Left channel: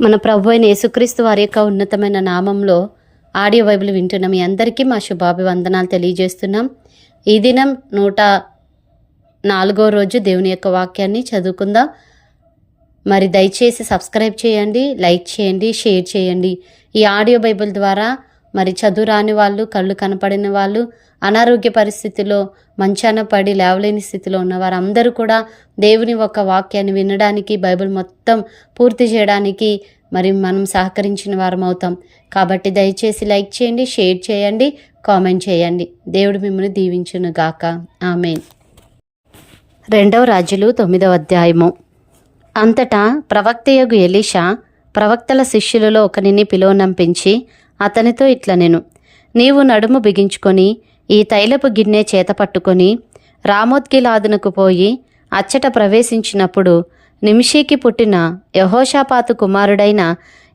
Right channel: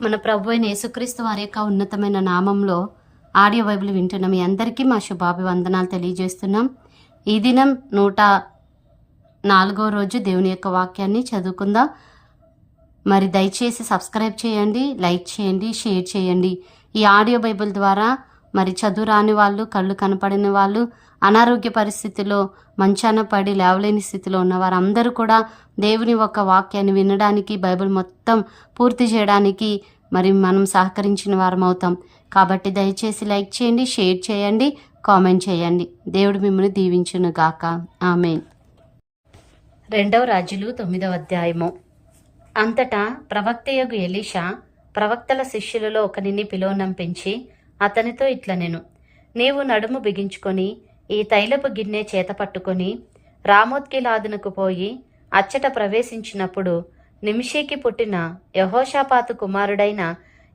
మన ప్రభు అయిన యేసుక్రీస్తు వారి యొక్క ఉన్నతమైన నామంలో ఆడియో బైబిల్ వింటున్న మీ అందరికీ మా శుభాభివందనాలు తెలియజేస్తున్నాం. ఈ దినం నూట నాలుగో రోజు దేవుని యొక్క వాక్యాన్ని చదువుకుందాం. మరి దయచేసి సబ్స్క్రైబ్ చేయండి లైక్ చేయండి షేర్ చేయండి. ఈ ఆడియో బైబిల్ ద్వారా మరి చదువు రాని వాళ్ళు కళ్ళు కనపడిన వాళ్ళు అనారోగ్య పరిస్థితిలో మంచాన పడి లేవలేని స్థితిలో ఉన్న వారందరూ కూడా దేవుని ఒక వాక్యాన్ని వినడానికి బైబిల్ మొత్తం పూర్తి చేయడానికి మరి మనం సహకరించిన వారం అవుతాం. కాబట్టి దయచేసి లైక్ చేయండి షేర్ చేయండి కామెంట్ చేయండి. దేవుడు మిమ్మల్ని దీవించును గాక. ఆమెన్. రెండవ రాజులు తొమ్మిదవ అధ్యాయము. అంతటా ప్రవక్తయగు ఎలీషా ప్రవక్తల శిష్యులలో ఒకనిని పిలువనంపించి అతనితో ఇట్ల నేను నీవు నడుము బిగించుకొని ఈ తైలపు గిన్నె చేత పట్టుకొని రామోత్గిలాదునకు పోయి అచ్చట ప్రవేశించినప్పుడు నిమిషీకి పుట్టిన యహోషాపాతు కుమారుడైన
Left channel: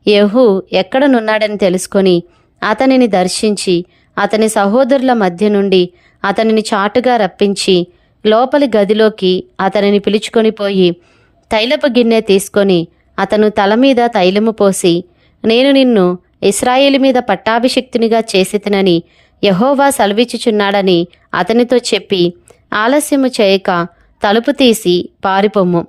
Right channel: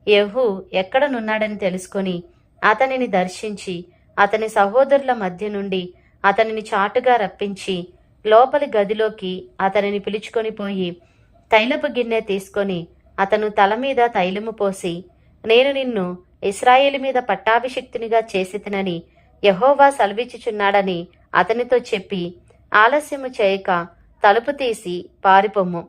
యహూ ఎక్కడనున్నాడని తెలుసుకొని అతనిని దర్శించి అతని సహోదరుల మధ్య నుండి అతనిని చాటుగా రప్పించి లోపలి గదిలోకి అతనిని పిలుచుకొని పోయి తైలపు గిన్నె తీసుకొని అతను తల మీద తైలము పోసి నేను నిన్ను ఇస్రాయేల్ మీద పట్టాభిషిక్తునిగా చేసితనని యహోవా సెలవిచ్చుచున్నాడని అతనితో చెప్పి ఆలస్యము చేయక తలుపు తీసి పారిపొమ్ము.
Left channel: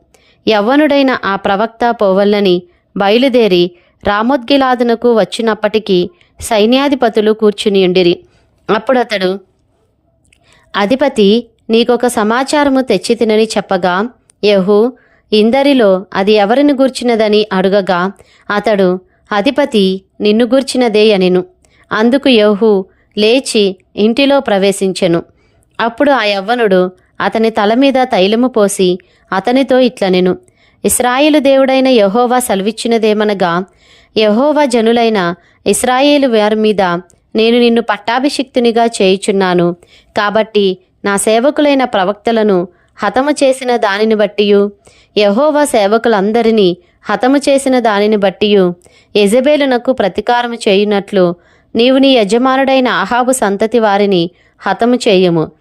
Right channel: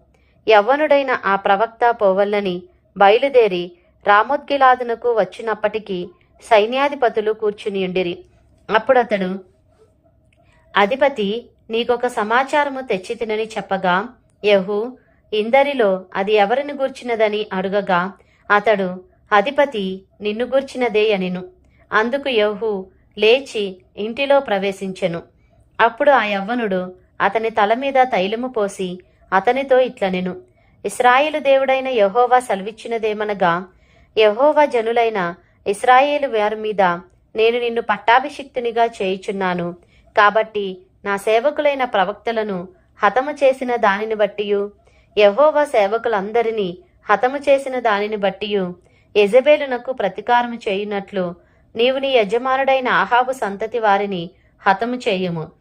యవ్వనుడైన ఆ ప్రవక్త పోవల్లని బయలుదేరి రామోద్గిలాదునకు వచ్చినప్పటికీ సైన్యాధిపతులు కూర్చునియుండిరి అప్పుడు అతడు అధిపతి నీకొక సమాచారము తెచ్చి తినని చెప్పగా యహు ఇందరిలో అది ఎవరిని గూర్చినదని అడుగగా అతడు అధిపతి నిన్ను గూర్చినదే అనెను. అందుకు యహు లేచి ఇంటిలో ప్రవేశించెను. అప్పుడు ఆ యవ్వనుడు అతని తల మీద తైలము పోసి అతనితో ఇట్లనెను ఇస్రాయేలు దేవుడైన యహోవా సెలవిచ్చినదేమనగా యహోవా జనులైన ఇస్రాయేలు వారి మీద నేను నిన్ను పట్టాభిషిక్తునిగా చేయుచున్నాను. కాబట్టి నా సేవకులైన ప్రవక్తలను హతము చేసిన దానిని బట్టియు యహోవా సేవకులందరినీ హతము చేసిన దానిని బట్టియు యజబేలునకు ప్రతీకారము చేయునట్లు నీవు నీ యజమానుడైన ఆహాబు సంతతి వారిని హతము చేయము.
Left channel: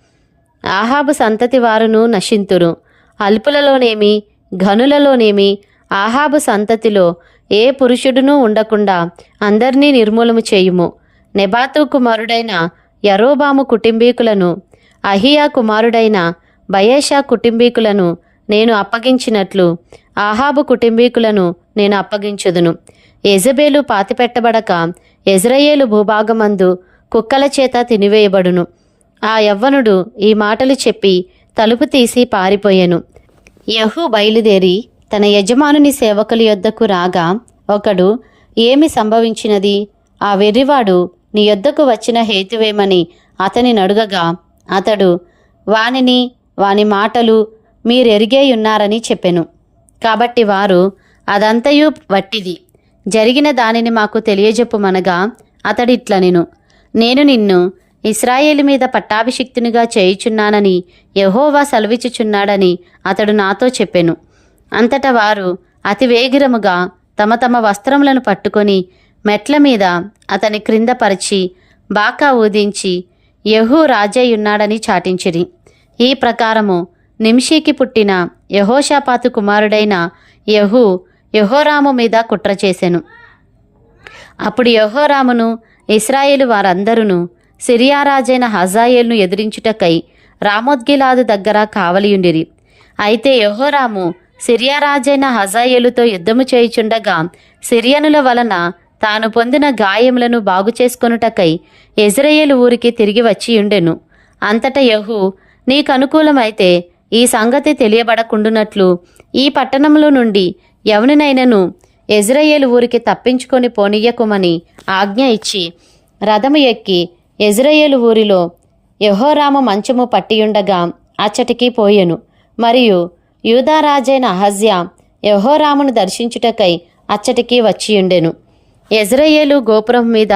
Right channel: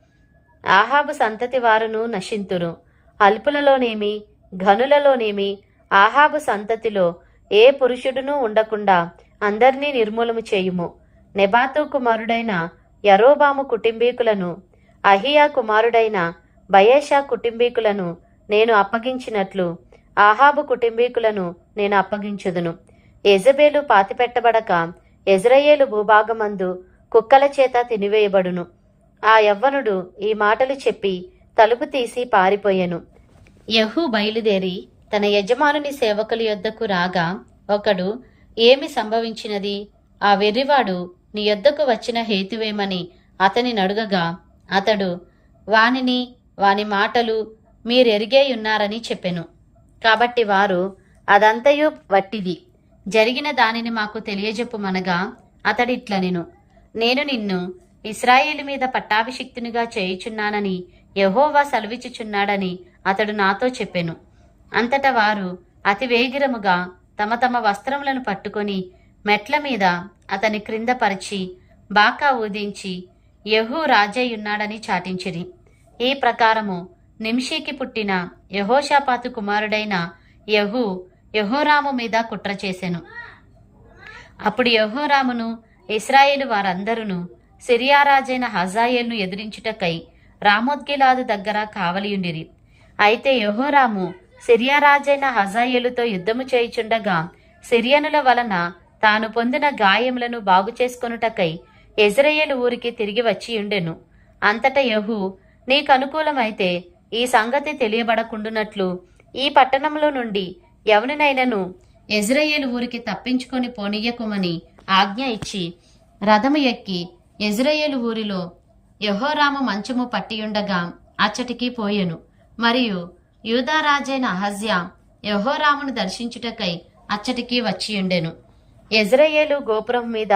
ఆహాబు సంతతి వారును నశింతురు. అల్పులలోనేమి ఘనులలోనేమి ఆహాబు సంతతిలో ఏ పురుషుడునూ ఉండకుండా అందరినీ నిర్మూలము చేయుము. నెబాతు కుమారుడైన యరోబాము కుటుంబీకులను అహియా కుమారుడైన బయేషా కుటుంబీకులను నేను అప్పగించినట్లు ఆహాబు కుటుంబీకులను నేను అప్పగించుదును. ఎజబేలు పాతిపెట్టబడక ఎజ్రయేలు భూభాగమందు కుక్కల చేత తినివేయబడును. ఆ యవ్వనుడు ఈ మాటలు చెప్పి తలుపు తీసి పారిపోయెను. యహు బయలుదేరి తన యజమానుని సేవకుల యొద్దకు రాగా ఒకడు ఏమి సంభవించినది? ఆ వెర్రివాడు నీ యొద్దకు వచ్చిన హేతువేమని అతని నడుగగా అతడు వానిని వాని మాటలు మీరెరిగేయున్నారని చెప్పెను. కాబట్టి వారు అదంతయు వట్టిది. జరిగిన దానిని మాకు తెలియజెప్పుమనగా అతడిట్ల నేను నేను నిన్ను ఇస్రాయేల్ మీద పట్టాభిషిక్తునిగా చేయుచున్నానని యహోవా సెలవిచ్చుచున్నాడని అతడు నాతో చెప్పెను. అంతటా వారు అతివేగిరముగా తమ తమ వస్త్రములను పట్టుకొని మెట్ల మీద అతని క్రింద పరిచి బాకా ఊదించి యహూ రాజయ్యున్నాడని చాటించిరి. ఈ ప్రకారము నిమిషీకి పుట్టిన యహోషాపాతు కుమారుడైన యహూ యహోరాము మీద కుట్ర చేసెను. అప్పుడు యహోరామును ఇస్రాయేలు వారందరూ సిరియారాజైన హజాయేల్ను ఎదిరించుటకై రామోద్గిలాదు దగ్గర కావలియుండిరి. అయితే యహోరాము సిరియారాజైన హజాయేలుతో యుద్ధము చేయుచుండగా సిరియనుల వలన తాను పొందిన గాయములను బాగు చేసుకొనుటకై ఎజ్రయేలు ఊరికి తిరిగి వచ్చి ఉండెను అంతట యహు నీకు అనుకూలమైతే ఈ సంగతి తెలియబడకుండునట్లు ఈ పట్టణంలో నుండి యవనినైనను ఎజ్రయేలు ఊరికి తప్పించుకొని పోనీయకుమని ఆజ్ఞ ఇచ్చి రథము ఎక్కి ఎజ్రయేలు ఊరిలో యహోరామ మంచము పట్టియుండగా అచ్చటికి పోయెను. మరియు యూదారాజైన అహజ్యా యహోరామును దర్శించుటకై అచ్చటికి వచ్చియుండెను. ఎజ్రయేలు గోపురం మీద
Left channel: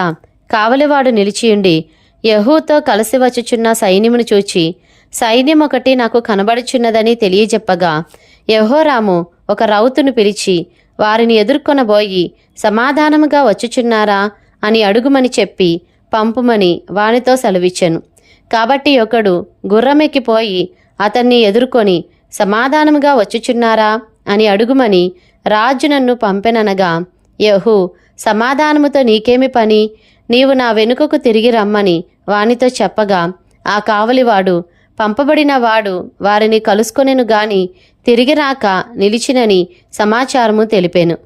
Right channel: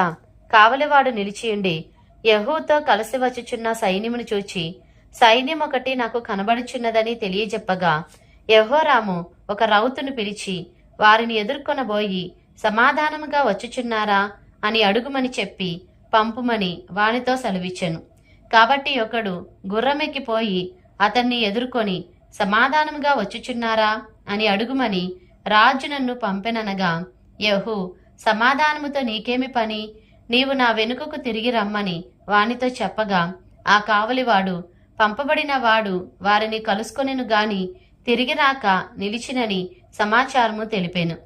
కావలివాడు నిలిచియుండి యహూతో కలిసి వచ్చుచున్న సైన్యమును చూచి సైన్యం ఒకటి నాకు కనబడుచున్నదని తెలియజెప్పగా యహోరాము ఒక రౌతును పిలిచి వారిని ఎదుర్కొనబోయి సమాధానముగా వచ్చుచున్నారా? అని అడుగుమని చెప్పి పంపుమని వానితో సెలవిచ్చెను. కాబట్టి ఒకడు గుర్రమెక్కిపోయి అతన్ని ఎదుర్కొని సమాధానముగా వచ్చుచున్నారా అని అడుగుమని రాజు నన్ను పంపెననగా యహు సమాధానముతో నీకేమి పని? నీవు నా వెనుకకు తిరిగి రమ్మని వానితో చెప్పగా ఆ కావలివాడు పంపబడిన వాడు వారిని కలుసుకొనెను గాని తిరిగి రాక నిలిచినని సమాచారము తెలిపాను.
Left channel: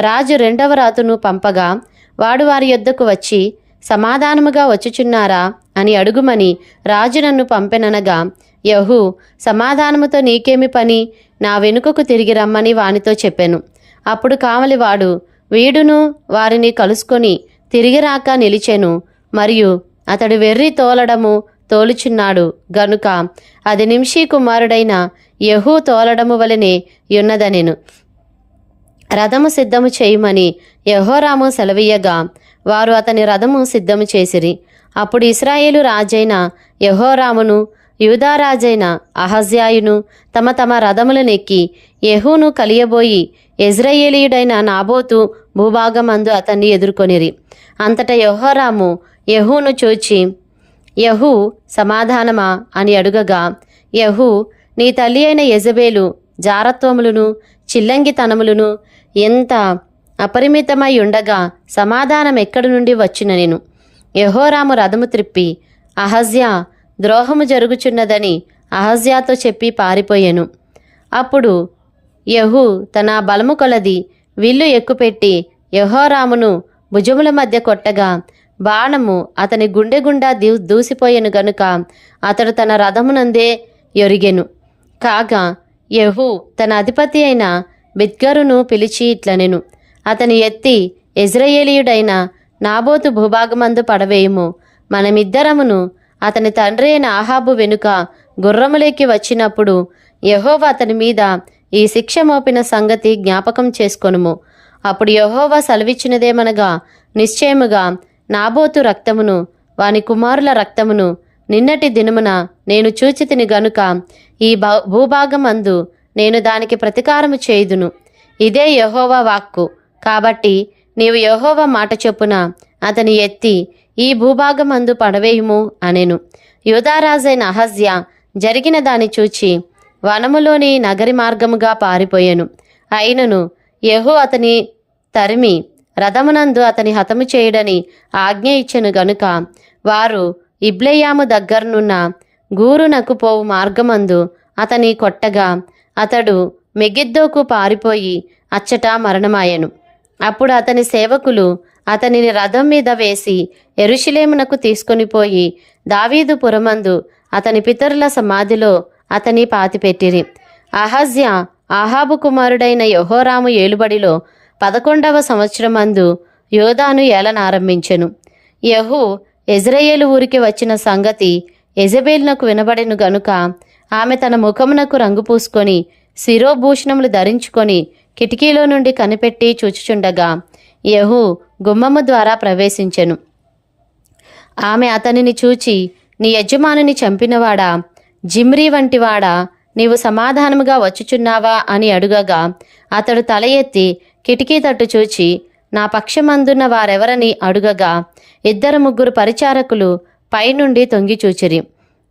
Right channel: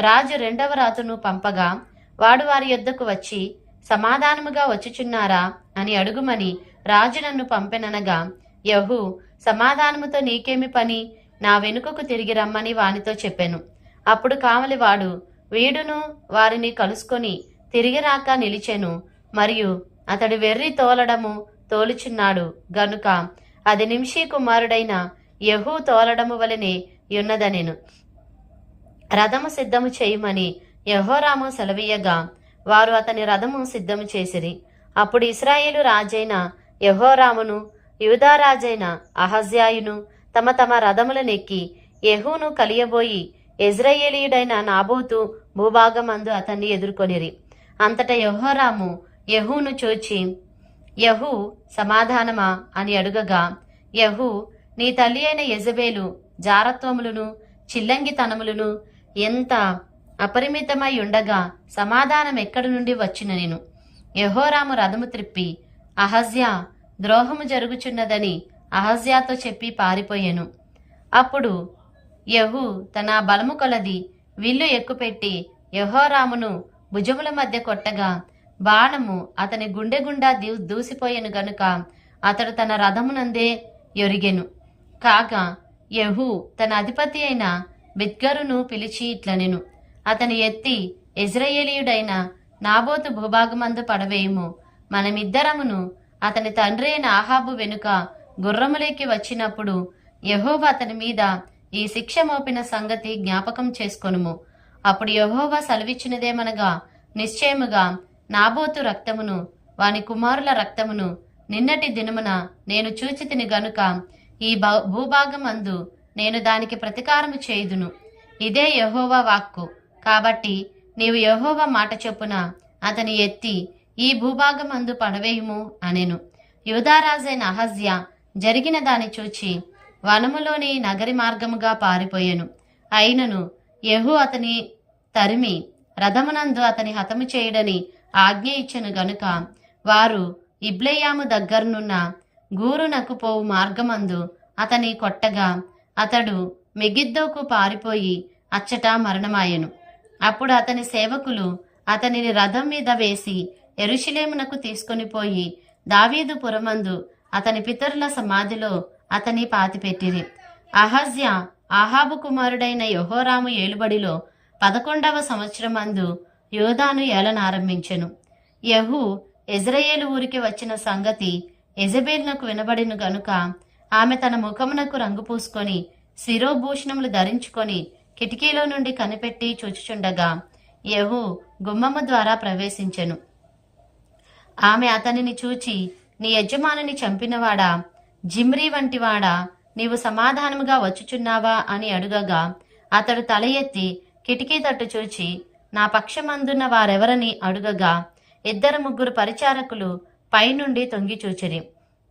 రాజు రెండవ రాతును పంపగా వాడు వారి యొద్దకు వచ్చి సమాధానముగా వచ్చుచున్నారా అని అడుగుమని రాజు నన్ను పంపెననగా యహు సమాధానముతో నీకేమి పని? నా వెనుకకు తిరిగి రమ్మని వానితో చెప్పాను. అప్పుడు కావలివాడు వీడును వారిని కలుసుకొని తిరిగి రాక నిలిచెను మరియు అతడు వెర్రి తోలడము తోలుచున్నాడు. గనుక అది నిమిషీ కుమారుడైన యహూ తోలడము వలనే యున్నదనెను రథము సిద్ధము చేయమని యహోరాము సెలవీయగా వారు అతని రథము సిద్ధము చేసిరి. అప్పుడు ఇస్రాయేలు రాజైన యహోరామును యూదారాజైన అహజ్యాయును తమ తమ రథములనెక్కి యహూను కలియబోయి ఇజ్రాయేలీయుడైన నాబోతు భూభాగమందు అతన్ని ఎదుర్కొనిరి. అంతటా యహోరాము యహూను చూచి యహూ సమాధానమా అని అడుగగా యహూ నీ తల్లి అయిన యజబేలు జారత్వములను చిల్లంగితనములను ఎంత అపరిమితమై ఉండగా సమాధానం ఎక్కడి నుండి వచ్చిన నేను? యహోరాము రథము త్రిప్పి అహజ్యా ద్రోహము జరుగుచున్నదని అహజ్యాతో చెప్పి పారిపోయాను. అప్పుడు యహు తన బలము కొలది విల్లు ఎక్కుపెట్టి యహోరామును భుజముల మధ్య కొట్టగా బాణము అతని గుండె గుండా దూ దూసిపోయాను గనుక అతడు తన రథమునందే ఎరిగెను. కాగా యహు తన అధిపతి అయిన బిద్గరును పిలిచి ఇట్లనెను. అతని ఎత్తి ఇజ్రాయేలీయుడైన నాబోతు భూభాగమందు పడవేయము. మనమిద్దరమును అతని తండ్రి అయిన ఆహాబు వెనుక గుర్రములేకి వచ్చినప్పుడు యహోవ అతని మీద ఈ శిక్ష మోపిన సంగతి జ్ఞాపకం చేసుకొనుము. అప్పుడు యహోవ సెలవిచ్చినదేమనగా నిశ్చయముగా నాబోతు రక్తమును వాని కుమారుల రక్తమును నిన్నటి దినమున నేను చూచితిని గనుక ఈ భూభాగం అందు నేను దానికి ప్రతీకారము చేయుదును. ఇదే యహోవా వాక్కు. కాబట్టి నీవు యహోవా మాట చొప్పున అతని ఎత్తి ఈ భూభాగం అందు పడవేయుము అనెను. యూదారాజైన అహజ్య జరిగిన దాని చూచి వనములోని నగరి మార్గముగా పారిపోయెను. అయినను యహు అతని తరిమి రథమునందు అతని హతము చేయడని ఆజ్ఞ ఇచ్చెను గనుక వారు ఇబ్లెయాము దగ్గరనున్న గూరునకు పోవు మార్గమందు అతని కొట్టగా అతడు మెగిద్దోకు పారిపోయి అచ్చట మరణమాయెను. అప్పుడు అతని సేవకులు అతనిని రథం మీద వేసి ఎరుషులేమునకు తీసుకొనిపోయి దావీదు పురమందు అతని పితరుల సమాధిలో అతని పాతిపెట్టిరి. అహజ్య ఆహాబు కుమారుడైన యహోరాము ఏలుబడిలో పదకొండవ సంవత్సరమందు యోధాను ఏలనారంభించెను. యహు ఎజ్రయేలు ఊరికి వచ్చిన సంగతి ఎజబేల్నకు వినబడెను గనుక ఆమె తన ముఖమునకు రంగు పూసుకొని శిరోభూషణములు ధరించుకొని కిటికీలో నుండి కనిపెట్టి చూచుచుండగా యహు గుమ్మము ద్వారా ప్రవేశించెను. ఆమె అతనిని చూచి నీ యజమానుని చంపినవాడా? జిమ్రీ వంటివాడా? నీవు సమాధానముగా వచ్చుచున్నావా? అని అడుగగా అతడు తల ఎత్తి కిటికీ తట్టు చూచి నా పక్షమందున్న వారెవరని? అడుగగా ఇద్దరు ముగ్గురు పరిచారకులు పైనుండి తొంగి చూచిరి.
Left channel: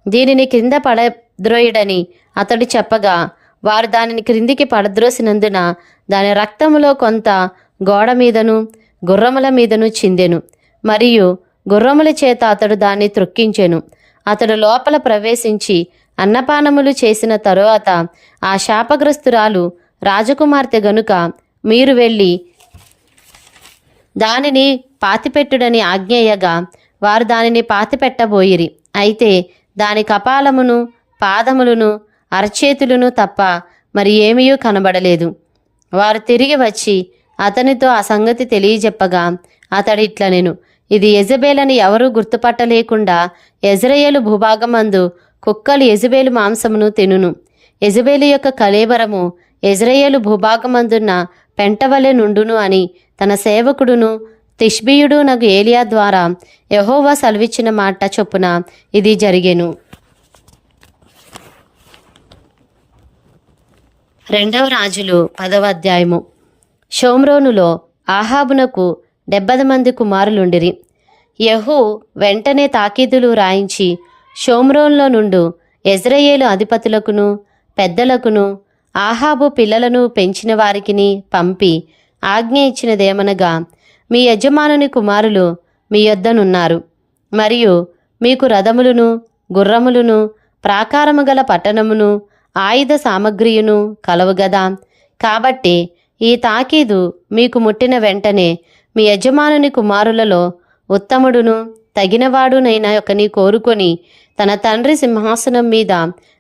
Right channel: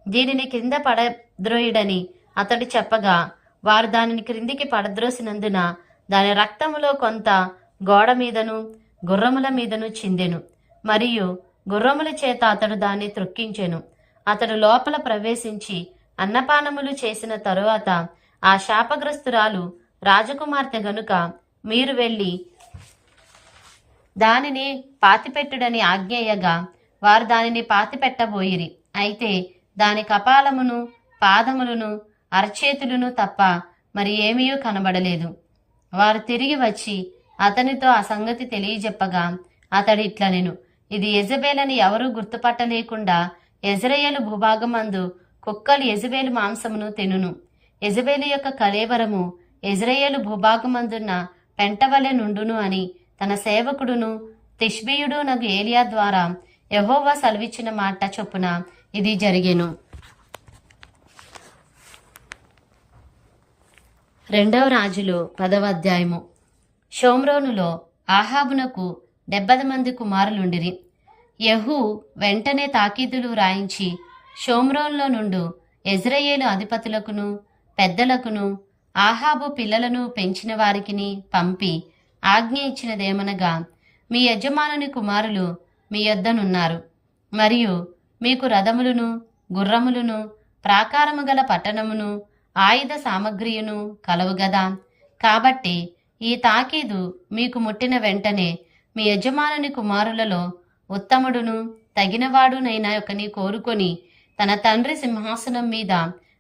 దీనిని క్రింద పడద్రోయుడని అతడు చెప్పగా వారు దానిని క్రిందికి పడద్రోసినందున దాని రక్తములో కొంత గోడ మీదను గుర్రముల మీదను చిందెను. మరియు గుర్రముల చేత అతడు దాన్ని త్రొక్కించెను. అతడు లోపల ప్రవేశించి అన్నపానములు చేసిన తరువాత ఆ శాపగ్రస్తురాలు రాజకుమార్తె గనుక మీరు వెళ్ళి దానిని పాతిపెట్టుడని ఆజ్ఞేయగా వారు దానిని పాతిపెట్టబోయిరి. అయితే దాని కపాలమును పాదములను అరచేతులను తప్ప మరి ఏమీయూ కనబడలేదు. వారు తిరిగి వచ్చి అతనితో ఆ సంగతి తెలియజెప్పగా అతడు ఇట్లనెను ఇది యజబేలని ఎవరూ గుర్తుపట్టలేకుండా ఎజ్రయేలు భూభాగమందు కుక్కలు ఎజబేలు మాంసమును తినును. ఎజబేలు యొక్క కలేవరము ఎజ్రయేలు భూభాగమందున్న పెంటవలె నుండును అని తన సేవకుడును తిష్బీయుడు నగు ఏలియా ద్వారా యహోవా సెలవిచ్చిన మాట చొప్పున ఇది జరిగెను. రెండవ రాజులు పదవ అధ్యాయము. షోమ్రోనులో ఆహాబునకు డెబ్బది మంది కుమారులుండిరి. యహూ వెంటనే తాకీదులు రాయించి షోమ్రోన్లో నుండు ఎజ్రయేలు అధిపతులకును పెద్దలకును ఆహాబు పిల్లలను పెంచిన వారికిని పంపి ఆజ్ఞ ఇచ్చినదేమనగా మీ యజమానుని కుమారులు మీ యొద్దనున్నారు. మరియు మీకు రథములును గుర్రములును ప్రాకారము గల పట్టణమును ఆయుధ సామగ్రియును కలవుగదా కాబట్టి ఈ తాకీదు మీకు ముట్టిన వెంటనే మీ యజమానుని కుమారులలో ఉత్తముడును తగినవాడునైన ఒకని కోరుకొని తన తండ్రి సింహాసనం మీద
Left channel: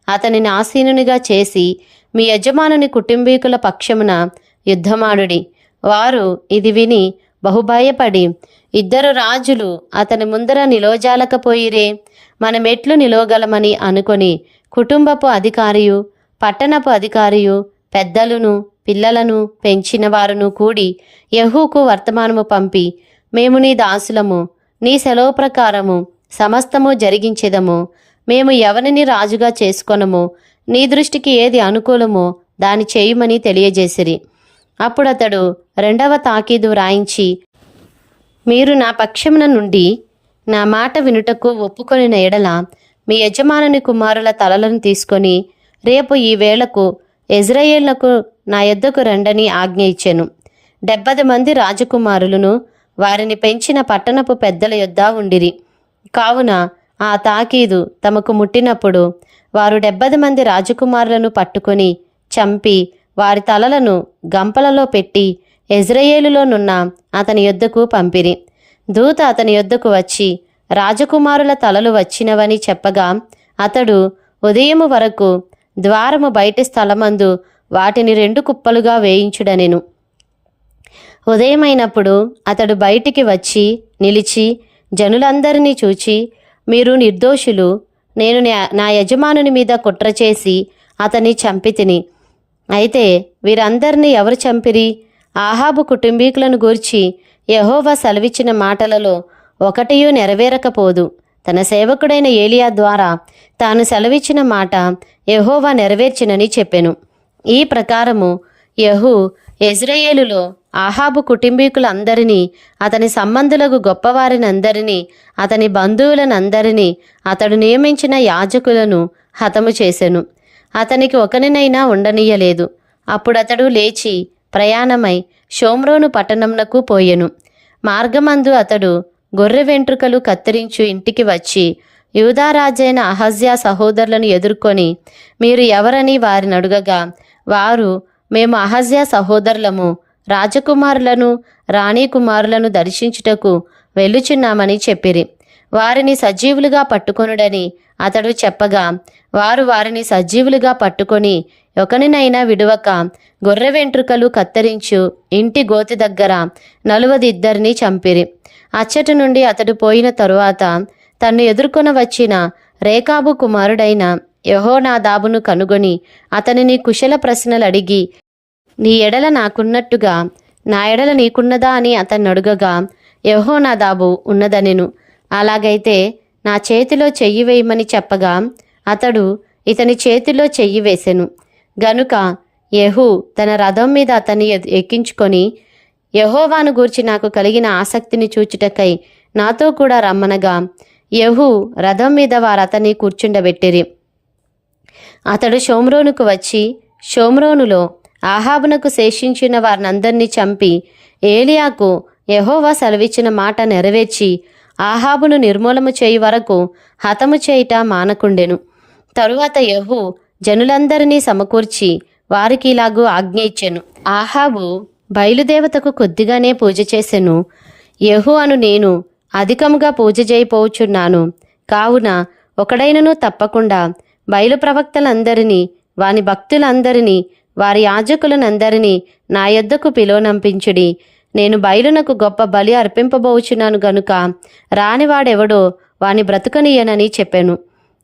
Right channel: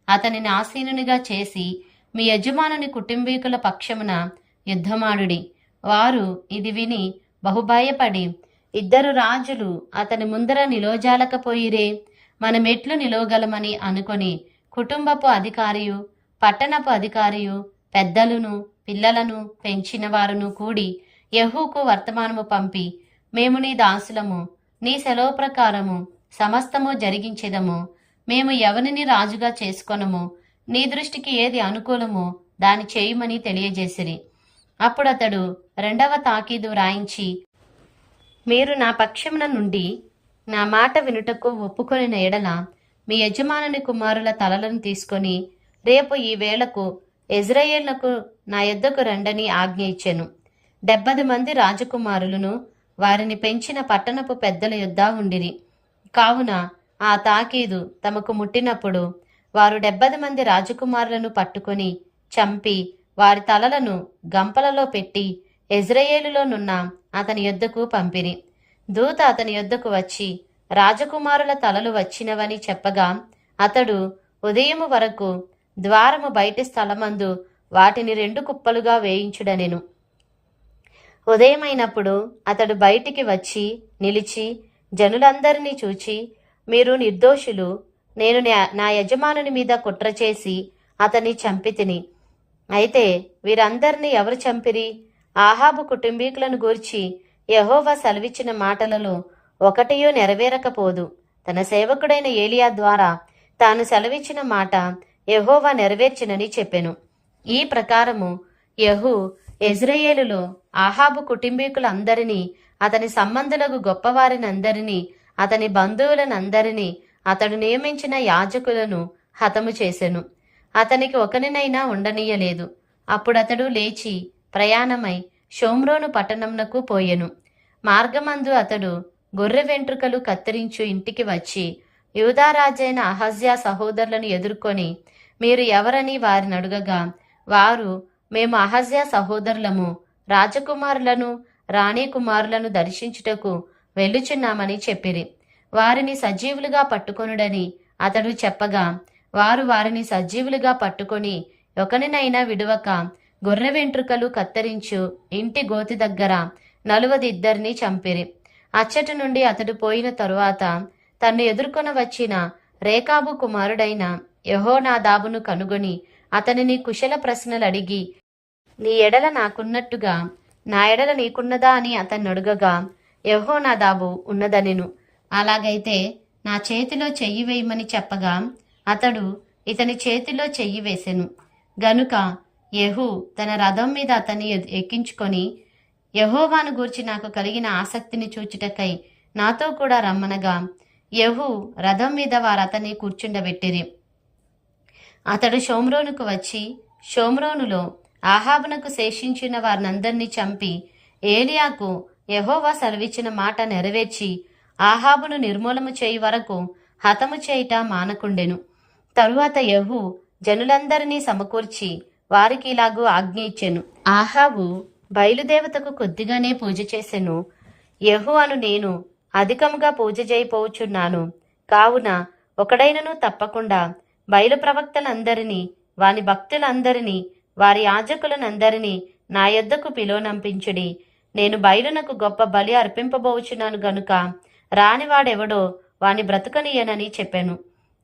అతనిని ఆసీనునిగా చేసి మీ యజమానుని కుటుంబీకుల పక్షమున యుద్ధమాడుడి. వారు ఇది విని బహుభయపడి ఇద్దరు రాజులు అతని ముందర నిలోజాలకపోయిరే మనమెట్లు నిలోగలమని అనుకొని కుటుంబపు అధికారియు పట్టణపు అధికారియు పెద్దలను పిల్లలను పెంచిన వారును కూడి యహూకు వర్తమానము పంపి మేము నీ దాసులము నీ సెలవు ప్రకారము సమస్తము జరిగించేదము మేము ఎవరిని రాజుగా చేసుకొనము నీ దృష్టికి ఏది అనుకూలమో దాని చేయమని తెలియజేసిరి. అప్పుడతడు రెండవ తాకీదు రాయించి మీరు నా పక్షమున నుండి నా మాట వినుటకు ఒప్పుకొనిన ఎడల మీ యజమానుని కుమారుల తలలను తీసుకొని రేపు ఈ వేళకు ఎజ్రాయేళ్ళకు నా యొద్దకు రండని ఆజ్ఞ ఇచ్చాను. డెబ్బది మంది రాజకుమారులను వారిని పెంచిన పట్టణపు పెద్దల యొద్ద ఉండిరి. కావున ఆ తాకీదు తమకు ముట్టినప్పుడు వారు డెబ్బది మంది రాజకుమారులను పట్టుకొని చంపి వారి తలలను గంపలలో పెట్టి ఎజ్రయేలులోనున్న అతని యొద్దకు పంపిరి. దూత అతని యొద్దకు వచ్చి రాజకుమారుల తలలు వచ్చినవని చెప్పగా అతడు ఉదయము వరకు ద్వారము బయటి స్థలమందు వాటిని రెండు కుప్పలుగా వేయించుడనెను. ఉదయమైనప్పుడు అతడు బయటికి వచ్చి నిలిచి జనులందరినీ చూచి మీరు నిర్దోషులు నేను నా- నా యజమానుని మీద కుట్ర చేసి అతన్ని చంపితిని. అయితే వీరందరినీ ఎవరు చంపిరి? ఆహాబు కుటుంబీకులను గూర్చి యహోవా సెలవిచ్చిన మాటలలో ఒకటియూ నెరవేరకపోదు. తన సేవకుడైన ఏలియా ద్వారా తాను సెలవిచ్చిన మాట యహోవా నెరవేర్చినని చెప్పెను. ఈ ప్రకారము యహు ఎజ్రయేలులో ఆహాబు కుటుంబీకులందరినీ అతని సంబంధులకు గొప్పవారినందరినీ అతని బంధువులనందరినీ అతడు నియమించిన యాజకులను హతము చేసెను. అతనికి ఒకనినైనా ఉండనీయలేదు. అప్పుడతడు లేచి ప్రయాణమై షోమ్రోను పట్టణంనకు పోయెను. మార్గమందు అతడు గొర్రె వెంట్రుకలు కత్తిరించు ఇంటికి వచ్చి యూదారాజైన అహజ్యా సహోదరులను ఎదుర్కొని మీరు ఎవరని వారిని అడుగగా వారు మేము అహజ్యా సహోదరులము రాజకుమారులను రాణి కుమారులను దర్శించుటకు వెళ్ళుచున్నామని చెప్పిరి. వారిని సజీవులుగా పట్టుకొనుడని అతడు చెప్పగా వారు వారిని సజీవులుగా పట్టుకొని ఒకనినైనా విడువక గొర్రె వెంట్రుకలు కత్తిరించు ఇంటి గోతి దగ్గర నలువదిద్దరిని చంపిరి. అచ్చటి నుండి అతడు పోయిన తరువాత తన్ను ఎదుర్కొన వచ్చిన రేకాబు కుమారుడైన యహోనాదాబును కనుగొని అతనిని కుశల ప్రశ్నలు అడిగి నీ ఎడల నాకున్నట్టుగా నా ఎడల నీకున్నదా? అని అతన్ని అడుగగా యహోనాదాబు ఉన్నదనెను. అలాగైతే నా చేతిలో చెయ్యి వేయమని చెప్పగా అతడు ఇతని చేతిలో చెయ్యి వేసెను. గనుక యహు తన రథం మీద అతన్ని ఎక్కించుకొని యహోవాను గూర్చి నాకు కలిగిన ఆసక్తిని చూచుటకై నాతో కూడా రమ్మనగా యహు రథం మీద వారు అతన్ని కూర్చుండబెట్టిరి. అతడు షోమ్రోనుకు వచ్చి షోమ్రోనులో ఆహాబునకు శేషించిన వారినందరినీ చంపి ఏలియాకు యహోవా సెలవిచ్చిన మాట నెరవేర్చి ఆహాబును నిర్మూలము చేయి వరకు హతము చేయుట మానకుండెను. తరువాత యహు జనులందరినీ సమకూర్చి వారికి ఇలాగూ ఆజ్ఞ ఇచ్చెను. ఆహాబు బయలుదేవతకు కొద్దిగానే పూజ చేసెను. యహు అను నేను అధికముగా పూజ చేయిపోవచున్నాను కావున ఒకడైనను తప్పకుండా బయలు ప్రవక్తలందరినీ వాని భక్తులందరినీ వారి యాజకులనందరినీ నా యొద్దకు పిలువనంపించుడి. నేను బయలునకు గొప్ప బలి అర్పింపబోచున్నాను గనుక రానివాడెవడో వాని బ్రతుకనీయనని చెప్పాను.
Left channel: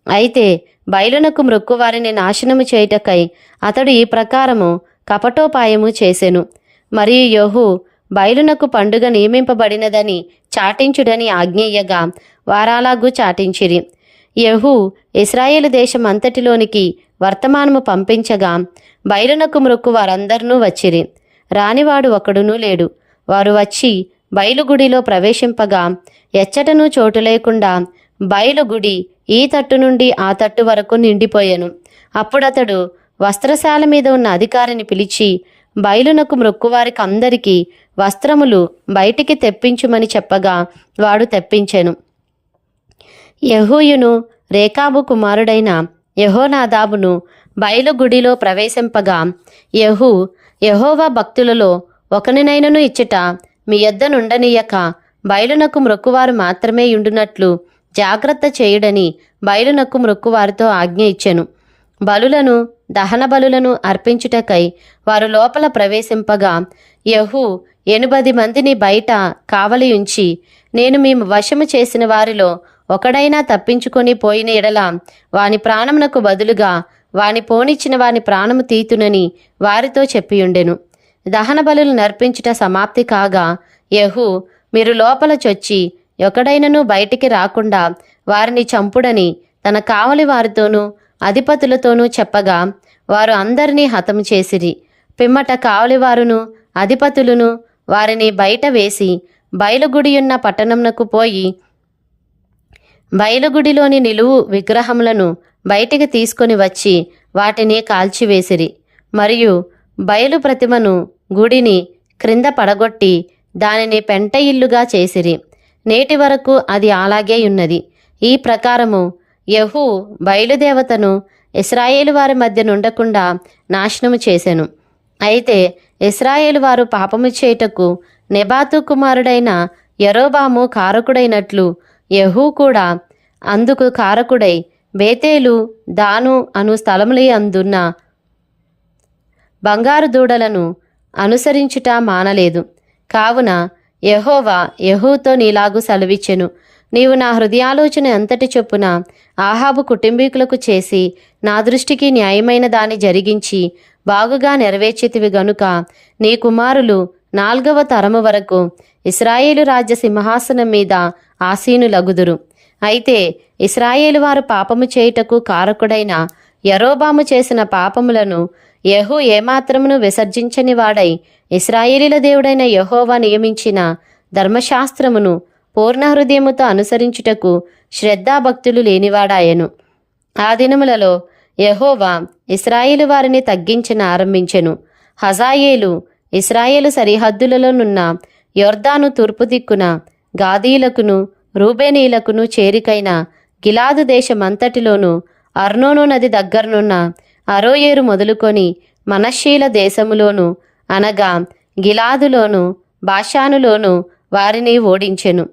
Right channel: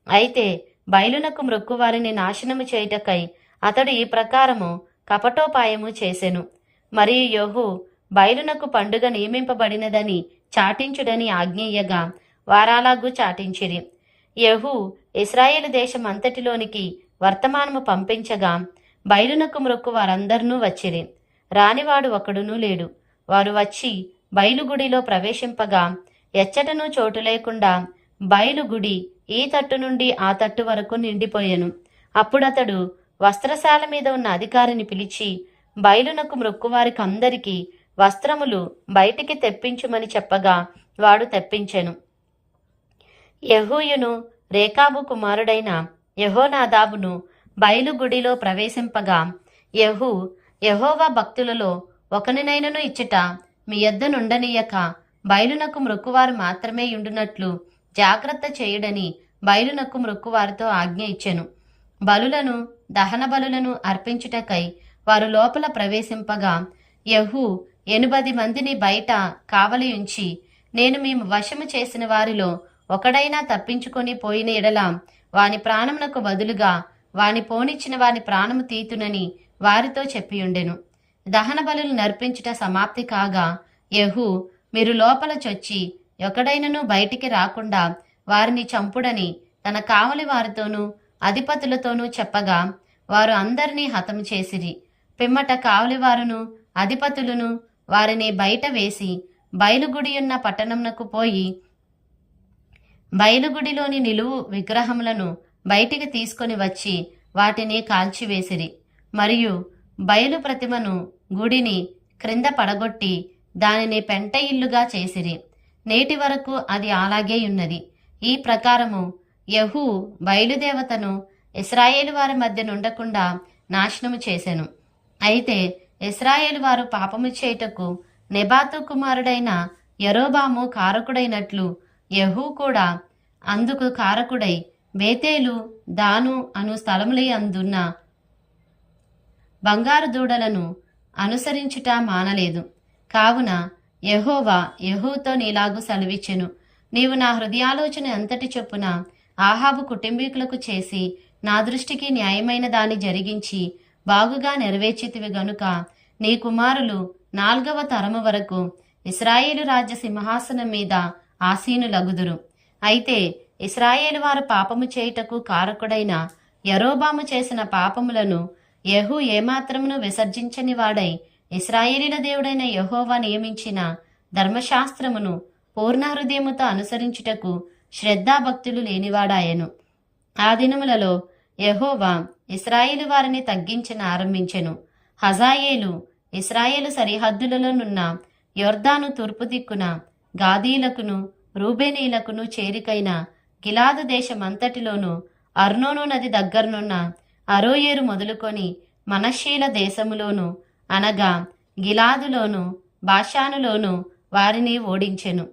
అయితే బయలునకు మ్రొక్కు వారిని నాశనము చేయుటకై అతడు ఈ ప్రకారము కపటోపాయము చేసెను. మరియు యోహు బయలునకు పండుగ నియమింపబడినదని చాటించుడని ఆజ్ఞేయగా వారాలాగు చాటించిరి. యహు ఇస్రాయేల్ దేశం అంతటిలోనికి వర్తమానము పంపించగా బయలునకు మ్రొక్కు వారందరినూ వచ్చిరి. రానివాడు ఒకడునూ లేడు. వారు వచ్చి బయలుగుడిలో ప్రవేశింపగా ఎచ్చటనూ చోటు లేకుండా బయలుగుడి ఈ తట్టు నుండి ఆ తట్టు వరకు నిండిపోయాను. అప్పుడతడు వస్త్రశాల మీద ఉన్న అధికారిని పిలిచి బయలునకు మ్రొక్కువారికి అందరికీ వస్త్రములు బయటికి తెప్పించుమని చెప్పగా వాడు తెప్పించాను. యహూయును రేఖాబు కుమారుడైన యహోనాదాబును బయలుగుడిలో ప్రవేశింపగా యహూ యహోవా భక్తులలో ఒకనినైనను ఇచ్చుట మీ యొద్దనుండనీయక బయలునకు మ్రొక్కువారు మాత్రమే ఉండునట్లు జాగ్రత్త చేయుడని బయలునక్కు మృక్కువారితో ఆజ్ఞ ఇచ్చెను. బలులను దహన బలులను అర్పించుటకై వారు లోపల ప్రవేశింపగా యహు ఎనుబది మందిని బయట కావలి ఉంచి నేను మేము వశము చేసిన వారిలో ఒకడైనా తప్పించుకొని పోయిన ఎడల వాని ప్రాణమునకు బదులుగా వాని పోనిచ్చిన వాని ప్రాణము తీతునని వారితో చెప్పియుండెను. దహన బలులు నర్పించుట సమాప్తి కాగా యహు మీరు లోపల చొచ్చి ఎక్కడైనను బయటికి రాకుండా వారిని చంపుడని తన కావలి వారితోనూ అధిపతులతోనూ చెప్పగా వారు అందరినీ హతము చేసిరి. పిమ్మట కావలివారును అధిపతులను వారిని బయట వేసి బయలుగుడియున్న పట్టణంనకు పోయి బయలుగుడిలోని నిలువు విగ్రహములను బయటికి తీసుకొని వచ్చి వాటిని కాల్చివేసిరి. మరియు బయలు ప్రతిమను గుడిని క్రింద పడగొట్టి దానిని పెంట ఇల్లుగా చేసిరి. నేటి వరకు అది అలాగే ఉన్నది. ఈ ప్రకారము యహూ బయలుదేవతను ఇస్రాయేలు వారి మధ్య నుండకుండా నాశనము చేశాను అయితే ఇస్రాయేలు వారు పాపము చేయుటకు నెబాతు కుమారుడైన యరోబాము కారకుడైనట్లు యహూ కూడా అందుకు కారకుడై బేతేలు దాను అను స్థలములై అందున్న బంగారు దూడలను అనుసరించుట మానలేదు. కావున యహోవా యహూతో నీలాగు సెలవిచ్చెను. నీవు నా హృదయాలోచన ఎంతటి చొప్పున ఆహాబు కుటుంబీకులకు చేసి నా దృష్టికి న్యాయమైన దాన్ని జరిగించి బాగుగా నెరవేర్చితివి గనుక నీ కుమారులు నాల్గవ తరము వరకు ఇస్రాయేలు రాజ్య సింహాసనం మీద ఆసీనులగుదురు. అయితే ఇస్రాయేలు వారు పాపము చేయుటకు కారకుడైన యరోబాము చేసిన పాపములను యహూ ఏమాత్రమును విసర్జించని వాడై ఇస్రాయేలీల దేవుడైన యహోవా నియమించిన ధర్మశాస్త్రమును పూర్ణ హృదయముతో అనుసరించుటకు శ్రద్ధాభక్తులు లేనివాడాయను. ఆ దినములలో యహోవా ఇస్రాయేలు వారిని తగ్గించిన ఆరంభించెను. హజాయేలు ఇస్రాయేలు సరిహద్దులలోనున్న యొర్దాను తూర్పు దిక్కున గాదీలకును రూబేనీలకును చేరికైన గిలాదు దేశమంతటిలోనూ అర్నోను నది దగ్గరనున్న అరోయేరు మొదలుకొని మనశ్శీల దేశములోను అనగా గిలాదులోను బాషానులోను వారిని ఓడించెను.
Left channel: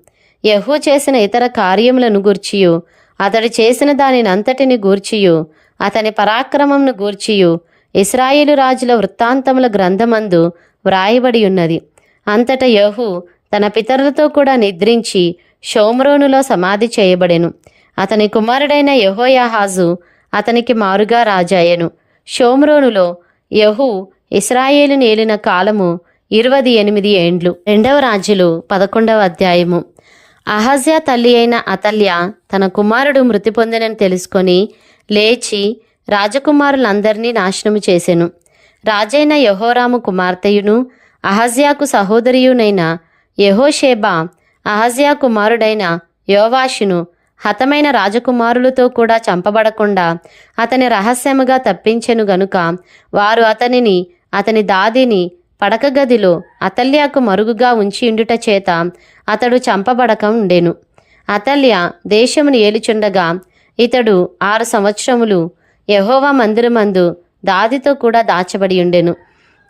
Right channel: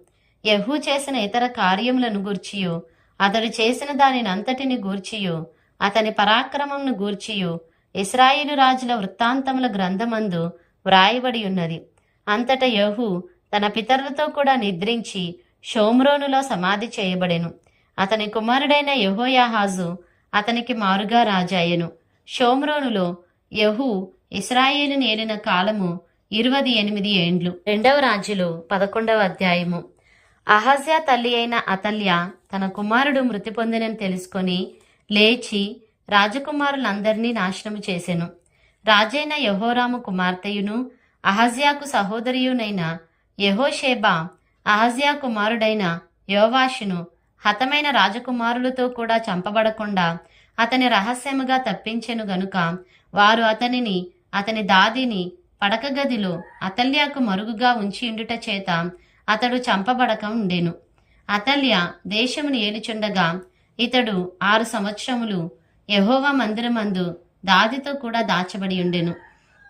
యహూ చేసిన ఇతర కార్యములను గూర్చియు. అతడు చేసిన దానినంతటిని గూర్చియు. అతని పరాక్రమంను గూర్చియు. ఇస్రాయేలు రాజుల వృత్తాంతముల గ్రంథమందు వ్రాయబడి ఉన్నది అంతట యహూ తన పితరులతో కూడా నిద్రించి షోమ్రోనులో సమాధి చేయబడెను. అతని కుమారుడైన యహోయాహాజు అతనికి మారుగా రాజాయెను. షోమ్రోనులో యహూ ఇస్రాయేలు నేలిన కాలము ఇరవది ఎనిమిది ఏండ్లు. రెండవ రాజులు పదకొండవ అధ్యాయము. అహజ్యా తల్లి అయిన అతల్య తన కుమారుడు మృతి పొందినని తెలుసుకొని లేచి రాజకుమారులందరినీ నాశనము చేసెను. రాజైన యహోరాము కుమార్తెయును అహజ్యాకు సహోదరియునైన యహోషేబా అహజ్యా కుమారుడైన యోవాషును హతమైన రాజకుమారులతో కూడా చంపబడకుండా అతని రహస్యముగా తప్పించెను గనుక వారు అతనిని అతని దాదిని పడక గదిలో అతల్యాకు మరుగుగా ఉంచి ఉండుట చేత అతడు చంపబడక ఉండెను. అతల్య దేశమును ఏలుచుండగా ఇతడు ఆరు సంవత్సరములు యహోవా మందిరమందు దాదితో కూడా దాచబడి ఉండెను.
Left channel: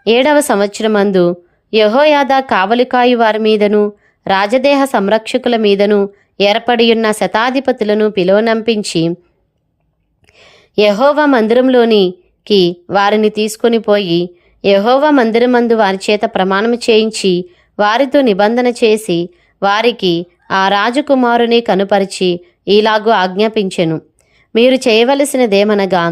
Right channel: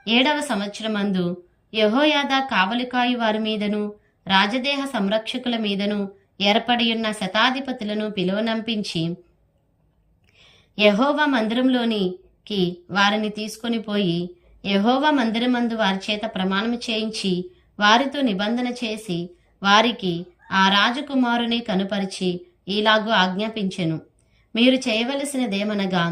ఏడవ సంవత్సరమందు యహోయాదా కావలికాయు వారి మీదను రాజదేహ సంరక్షకుల మీదను ఏర్పడియున్న శతాధిపతులను పిలువనంపించి యహోవా మందిరంలోనికి వారిని తీసుకొని పోయి యహోవ మందిరమందు వారి చేత ప్రమాణం చేయించి వారితో నిబంధన చేసి వారికి ఆ రాజకుమారుని కనుపరిచి ఈలాగు ఆజ్ఞాపించెను. మీరు చేయవలసినదేమనగా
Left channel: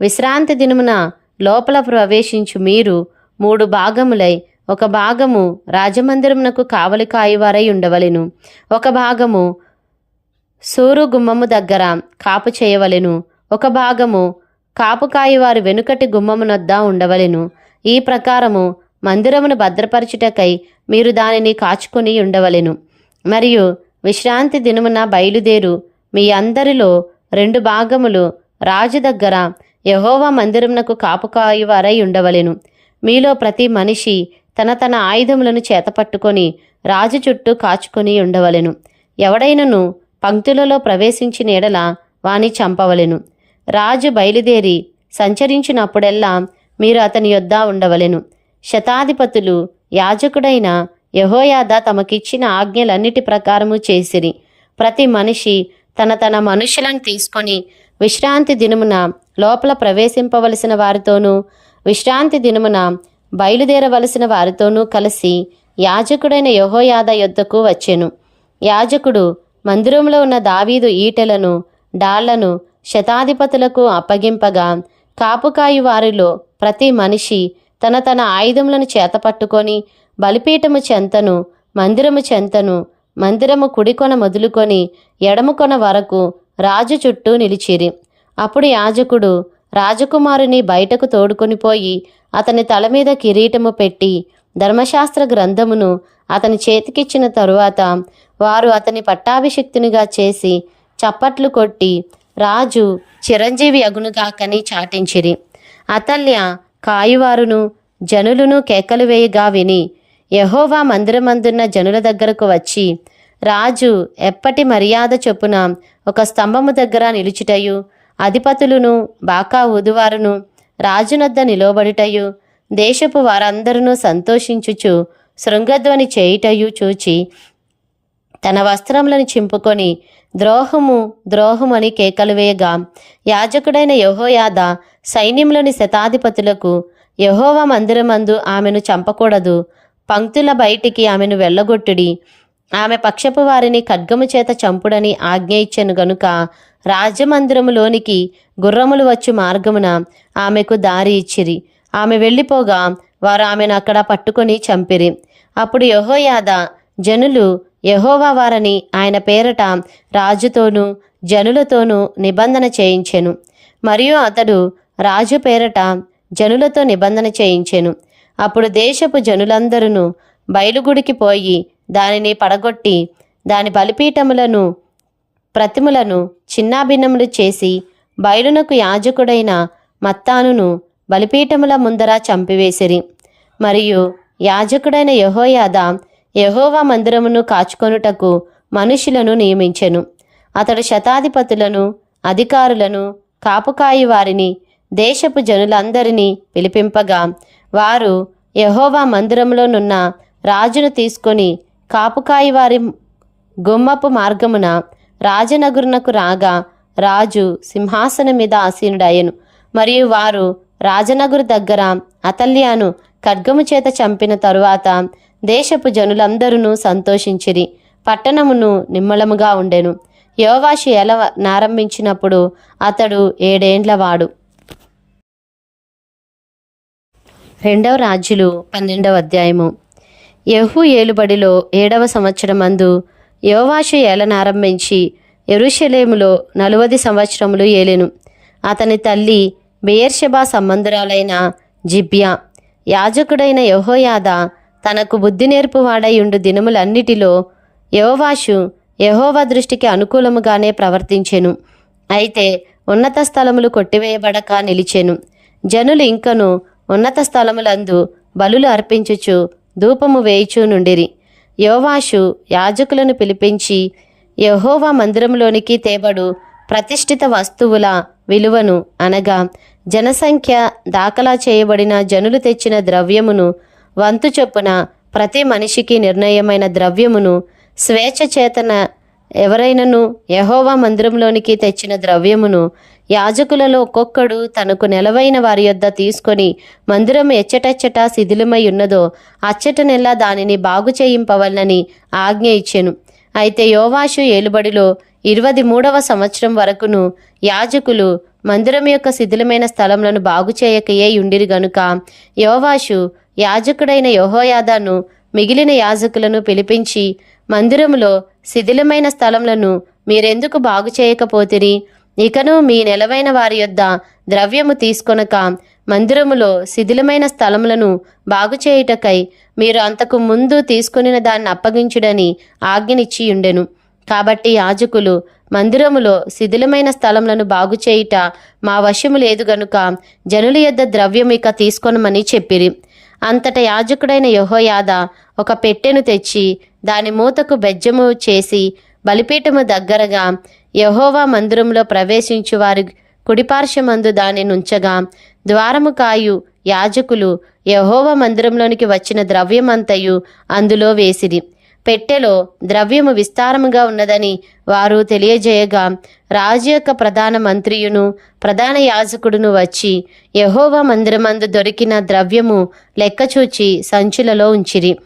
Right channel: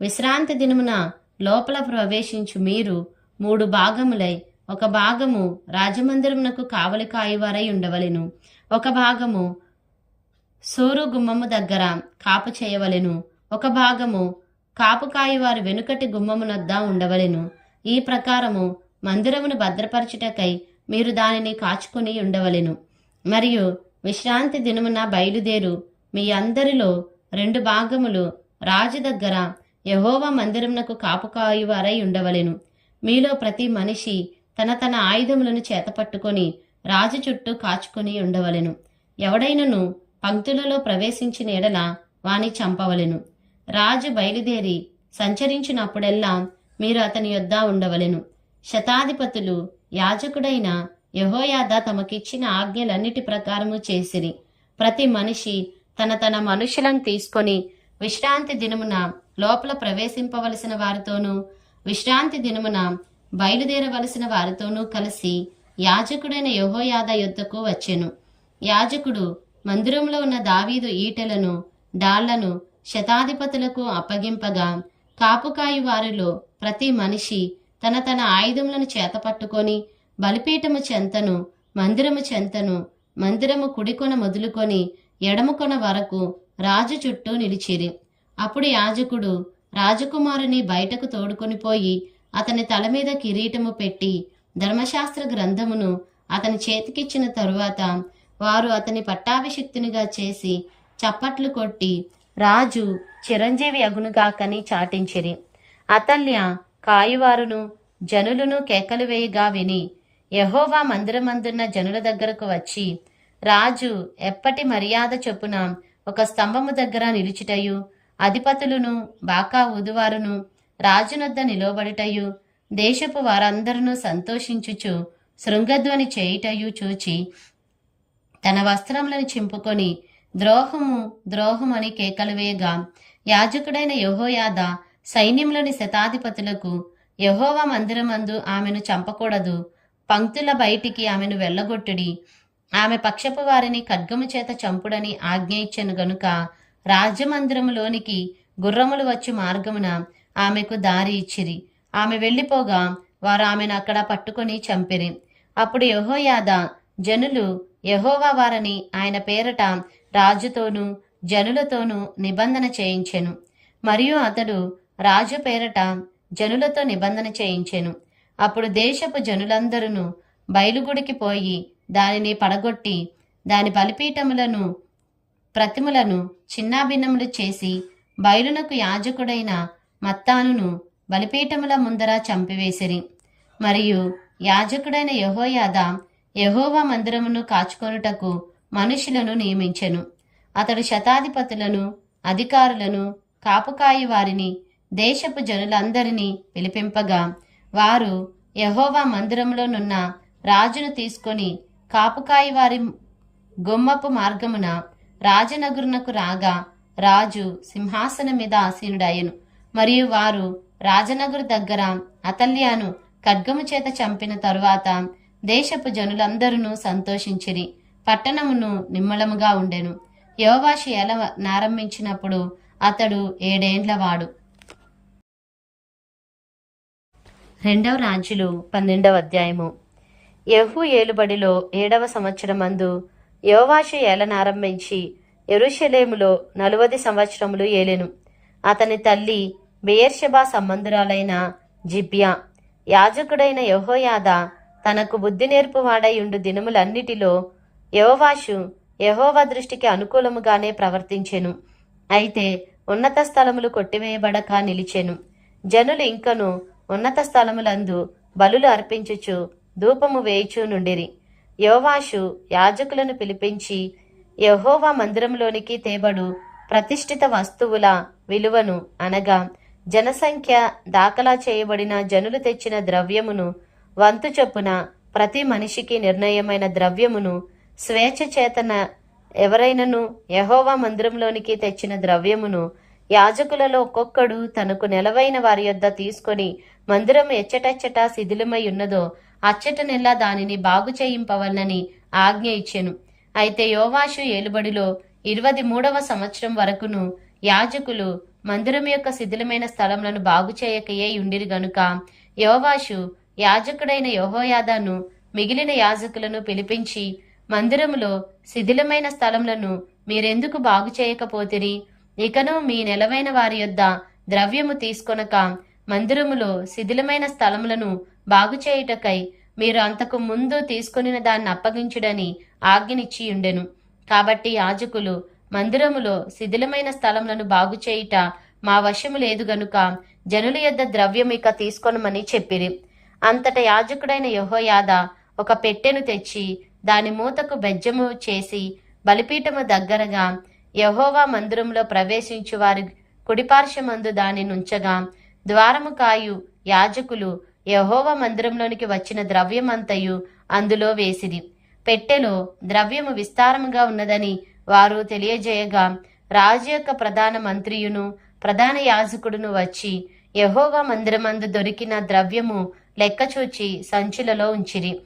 విశ్రాంతి దినమున లోపల ప్రవేశించు మీరు మూడు భాగములై ఒక భాగము రాజమందిరమునకు కావలి కాయువారై ఉండవలెను ఒక భాగము సూరు గుమ్మము దగ్గర కాపు చేయవలెను ఒక భాగము కాపు కాయవారి వెనుకటి గుమ్మమునొద్ద ఉండవలెను ఈ ప్రకారము మందిరమును భద్రపరచుటకై మీరు దానిని కాచుకొని ఉండవలెను. మరియు విశ్రాంతి దినమున బయలుదేరు మీ అందరిలో రెండు భాగములు రాజు దగ్గర యహోవా మందిరమునకు కాపుకాయువారై ఉండవలెను. మీలో ప్రతి మనిషి తన తన ఆయుధములను చేతపట్టుకొని రాజు చుట్టూ కాచుకొని ఉండవలెను. ఎవడైనను పంక్తులలో ప్రవేశించిన ఎడల వాని చంపవలెను. రాజు బయలుదేరి సంచరించినప్పుడెల్లా మీరు అతని యొద్ద ఉండవలెను. శతాధిపతులు యాజకుడైన యహోయాద తమకిచ్చిన ఆజ్ఞలన్నిటి ప్రకారము చేసిరి. ప్రతి మనిషి తన తన మనుషులను తీసుకొని విశ్రాంతి దినమున లోపల ప్రవేశింపవలసిన వారితోనూ విశ్రాంతి దినమున బయలుదేరవలసిన వారితోనూ కలిసి యాజకుడైన యహోయాద యొద్దకు వచ్చెను. యాజకుడు మందిరంలో ఉన్న దావీదు ఈటెలను డాళ్ళను శతాధిపతులకు అప్పగింపగా కాపుకాయి వారిలో ప్రతి మనిషి తన తన ఆయుధములను చేతపట్టుకొని బలిపీఠము చెంతను మందిరము చెంతను మందిరము కుడికొన మొదలుకొని ఎడమకొన వరకు రాజు చుట్టూ నిలిచిరి. అప్పుడు యాజకుడు రాజకుమారుని బయటకు తోడుకొని పోయి అతని తల మీద కిరీటము పెట్టి ధర్మశాస్త్ర గ్రంథమును అతని చేతికిచ్చిన తరువాత వారు అతని పట్టాభిషిక్తునిగా చేసి చప్పట్లు కొట్టి రాజు చిరంజీవి అగునుగాకని చాటించిరి. అతల్య కాయువారును జనులను కేకలు వేయగా విని యహోవా మందిరమందున్న జనుల దగ్గరకు వచ్చి రాజు ఎప్పటి మర్యాద చొప్పున ఒక స్తంభము దగ్గర నిలుచుటయు అధిపతులను బాకా ఊదువారును రాజునొద్ద నిలవబడుటయు దేశపు వారందరూ సంతోషించుచు శృంగధ్వని చేయుటయు చూచి తన వస్త్రములను చింపుకొని ద్రోహము ద్రోహమని కేకలు వేయగా. యాజకుడైన యహోయాద సైన్యములోని శతాధిపతులకు యహోవ మందిరమందు ఆమెను చంపకూడదు. పంక్తుల బయటికి ఆమెను వెళ్ళగొట్టుడి. ఆమె పక్షపు వారిని ఖడ్గము చేత చంపుడని ఆజ్ఞ ఇచ్చాను గనుక రాజమందిరములోనికి గుర్రములు వచ్చు మార్గమున ఆమెకు దారి ఇచ్చిరి. ఆమె వెళ్ళిపోగా వారు ఆమెను అక్కడ పట్టుకొని చంపిరి. అప్పుడు యహోయాద జనులు యహోవా వారని ఆయన పేరట రాజుతోనూ జనులతోనూ నిబంధన చేయించెను. మరియు అతడు రాజు పేరట జనులతో నిబంధన చేయించెను. అప్పుడు దేశపు జనులందరూ బయలుగుడికి పోయి దానిని పడగొట్టి దాని బలిపీఠములను ప్రతిములను చిన్నాభిన్నములు చేసి బయలునకు యాజకుడైన మత్తానును బలిపీఠముల ముందర చంపివేసిరి. మరియు యాజకుడైన యహోయాద యహోవా మందిరమును కాచుకొనుటకు మనుషులను నియమించెను. అతడు శతాధిపతులను అధికారులను కాపుకాయి వారిని దేశపు జనులందరినీ పిలిపింపగా వారు యహోవా మందిరంలోనున్న రాజును తీసుకొని కాపుకాయి వారి గుమ్మపు మార్గమున రాజనగురునకు రాగా రాజు సింహాసనం మీద ఆసీనుడయ్యను. మరియు వారు రాజనగురు దగ్గర అతల్యాను ఖడ్గము చేత చంపిన తరువాత దేశపు జనులందరూ సంతోషించిరి. పట్టణమును నిమ్మలముగా ఉండెను. యోవాషి ఎల నారంభించినప్పుడు అతడు ఏడేండ్లవాడు రెండవ రాజులు పన్నెండవ అధ్యాయము. యహు ఏలుబడిలో ఏడవ సంవత్సరమందు యోవాషు ఏలనారంభించి ఎరుషలేములో నలువది సంవత్సరములు ఏలెను. అతని తల్లి బెయర్షెబా సంబంధురాలైన జిబ్యా. యాజకుడైన యహోయాద తనకు బుద్ధి నేర్పువాడై ఉండు దినములన్నిటిలో యహోవాషు యహోవా దృష్టికి అనుకూలముగానే ప్రవర్తించెను. అయితే ఉన్నత స్థలములు కొట్టివేయబడక నిలిచెను. జనులు ఇంకను ఉన్నత స్థలములందు బలులు అర్పించుచు ధూపము వేయిచూ నుండిరి. యోవాషు యాజకులను పిలిపించి యహోవా మందిరంలోనికి తేబడు ప్రతిష్ఠిత వస్తువుల విలువను అనగా జనసంఖ్య దాఖలా చేయబడిన జనులు తెచ్చిన ద్రవ్యమును వంతు చొప్పున ప్రతి మనిషికి నిర్ణయమైన ద్రవ్యమును స్వేచ్ఛ చేతన ఎవరైనను యహోవా మందిరంలోనికి తెచ్చిన ద్రవ్యమును యాజకులలో ఒక్కొక్కడు తనకు నెలవైన వారి యొద్ద తీసుకొని మందిరం ఎచ్చటెచ్చట శిథిలమై ఉన్నదో అచ్చటనెల్లా దానిని బాగు చేయింపవల్లని ఆజ్ఞ ఇచ్చెను. అయితే యోవాషు ఏలుబడిలో ఇరవది మూడవ సంవత్సరం వరకును యాజకులు మందిరం యొక్క శిథిలమైన స్థలములను బాగు చేయకయే ఉండిరి గనుక యోవాషు యాజకుడైన యహోయాదాను మిగిలిన యాజకులను పిలిపించి మందిరములో శిథిలమైన స్థలములను మీరెందుకు బాగు చేయకపోతిరి? ఇకను మీ నెలవైన వారి యొద్ద ద్రవ్యము తీసుకొనక మందిరములో శిథిలమైన స్థలములను బాగు చేయుటకై మీరు అంతకు ముందు తీసుకొనిన దాన్ని అప్పగించుడని ఆజ్ఞనిచ్చి ఉండెను కాబట్టి యాజకులు మందిరములో శిథిలమైన స్థలములను బాగు చేయుట మా వశము లేదు గనుక జనుల యొద్ద ద్రవ్యం ఇక తీసుకొనమని చెప్పిరి. అంతట యాజకుడైన యహోయాద ఒక పెట్టెను తెచ్చి దాని మూతకు బెజ్జము చేసి బలిపీఠము దగ్గరగా యహోవా మందిరంలో ప్రవేశించు వారి కుడిపార్శ్వమందు దాని నుంచగా ద్వారము కాయు యాజకులు యహోవ మందిరంలోనికి వచ్చిన ద్రవ్యమంతయు అందులో వేసిరి. పెట్టెలో ద్రవ్యము విస్తారముగా ఉన్నదని వారు తెలియజేయగా రాజు యొక్క ప్రధాన మంత్రియును ప్రధాన యాజకుడును వచ్చి యహోవా మందిరమందు దొరికిన ద్రవ్యము లెక్కచూచి సంచులలో ఉంచిరి.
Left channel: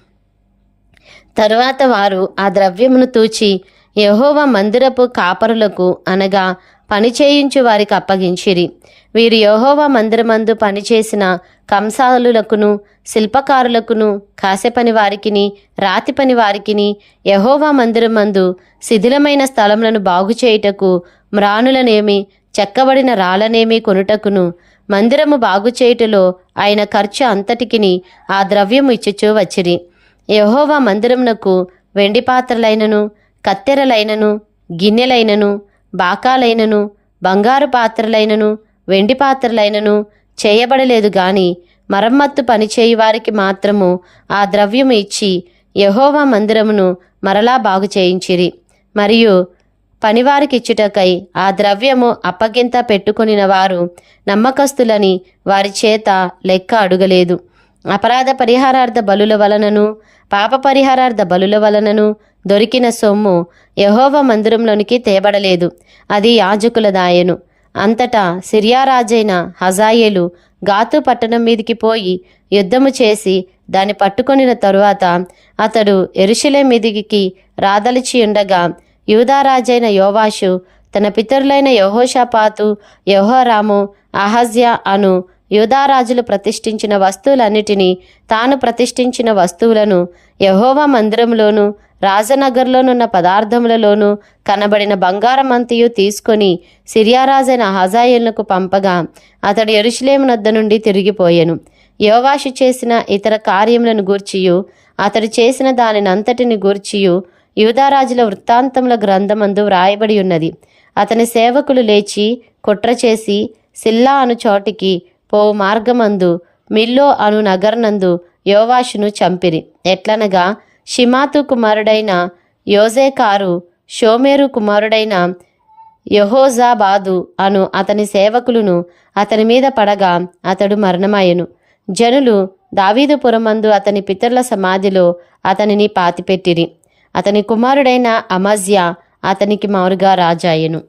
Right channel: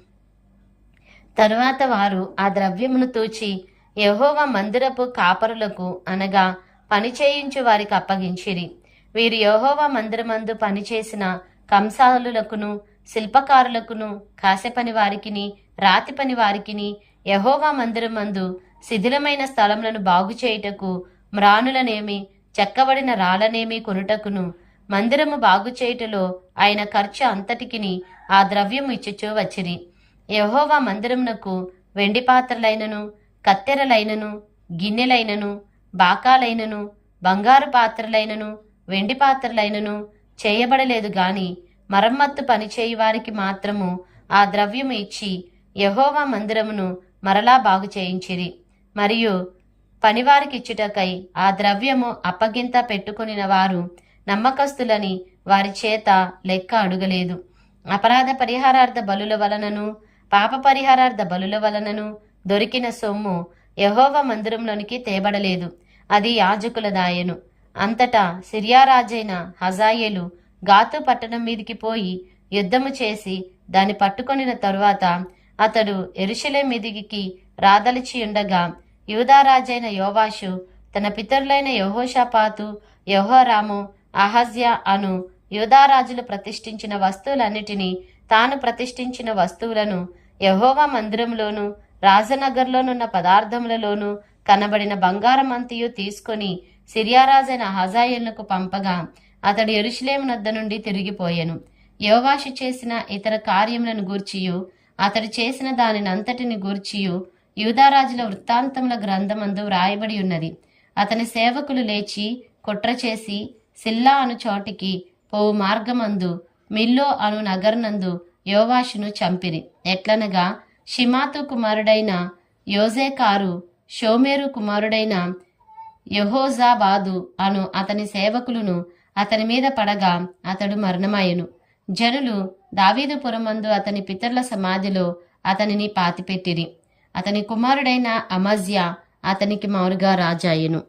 తరువాత వారు ఆ ద్రవ్యమును తూచి యహోవా మందిరపు కాపరులకు అనగా పనిచేయించు వారికి అప్పగించిరి. వీరు యహోవా మందిరమందు పనిచేసిన కంసాలులకును శిల్పకారులకును కాసెపని వారికిని రాతి పని వారికిని మందిరం మందిరమందు శిథిలమైన స్థలములను బాగు చేయుటకు మ్రానులనేమి చెక్కబడిన రాళ్ళనేమి కొనుటకును మందిరము బాగు చేయుటలో ఆయన ఖర్చు అంతటికిని ఆ ద్రవ్యము ఇచ్చుచూ వచ్చిరి. యహోవా మందిరమునకు వెండి పాత్రలైనను కత్తెరలైనను గిన్నెలైనను బాకాలైనను బంగారు పాత్రలైనను వెండి పాత్రలైనను చేయబడలేదు గాని మరమ్మత్తు పనిచేయి వారికి మాత్రము ఆ ద్రవ్యము ఇచ్చి యహోవా మందిరమును మరలా బాగు చేయించిరి. మరియు పనివారికి ఇచ్చుటకై ఆ ద్రవ్యము అప్పగింత పెట్టుకొనిన వారు నమ్మకస్తులని వారి చేత లెక్క అడుగలేదు. అపరాధ పరిహారార్థ బలుల వలనను పాప పరిహారార్థ బలుల వలనను దొరికిన సొమ్ము యహోవ మందిరంలోనికి తేబడలేదు. అది యాజకుల దాయను. అంతటా సిరియా రాజైన హజాయేలు గాతు పట్టణం మీదికి పోయి యుద్ధము చేసి దాన్ని పట్టుకొనిన తరువాత అతడు ఎరుషులే మీదికి రాదలిచి ఉండగా యూదారాజైన యోవాషు తన పితరులైన యహోషాపాతు యహోరాము అహజ్య అను యూదారాజులు ప్రతిష్ఠించిన వస్తువులన్నిటినీ తాను ప్రతిష్ఠించిన వస్తువులను యహోవా మందిరంలోను రాజనగర్లోనున్న పదార్థములలోనూ కనబడిన బంగారం అంతయు తీసుకొని సిరియారాజైన హజాయేలునకు పంపగా అతడు ఎరుషులేము నద్ద నుండి తిరిగిపోయెను. యోవాషు చేసిన ఇతర కార్యములను గూర్చియు అతడు చేసిన దానినంతటిని గూర్చియు యూదారాజుల వృత్తాంతముల గ్రంథమందు వ్రాయబడి ఉన్నది. అతని సేవకులు లేచి కుట్ర చేసి సిల్లా అను చోటికి పోవు మార్గమందు మిల్లో అను నగర్నందు యోవాషును చంపిరి. ఎట్లనగా షిమాతు కుమారుడైన యోజేకారు షోమేరు కుమారుడైన యహోజాబాదు అను అతని సేవకులను అతని మీద పడగా అతడు మరణమాయెను జనులు దావీదుపురమందు అతని పితరుల సమాధిలో అతనిని పాతిపెట్టిరి. అతని కుమారుడైన అమజ్య అతనికి మారుగా రాజాయెను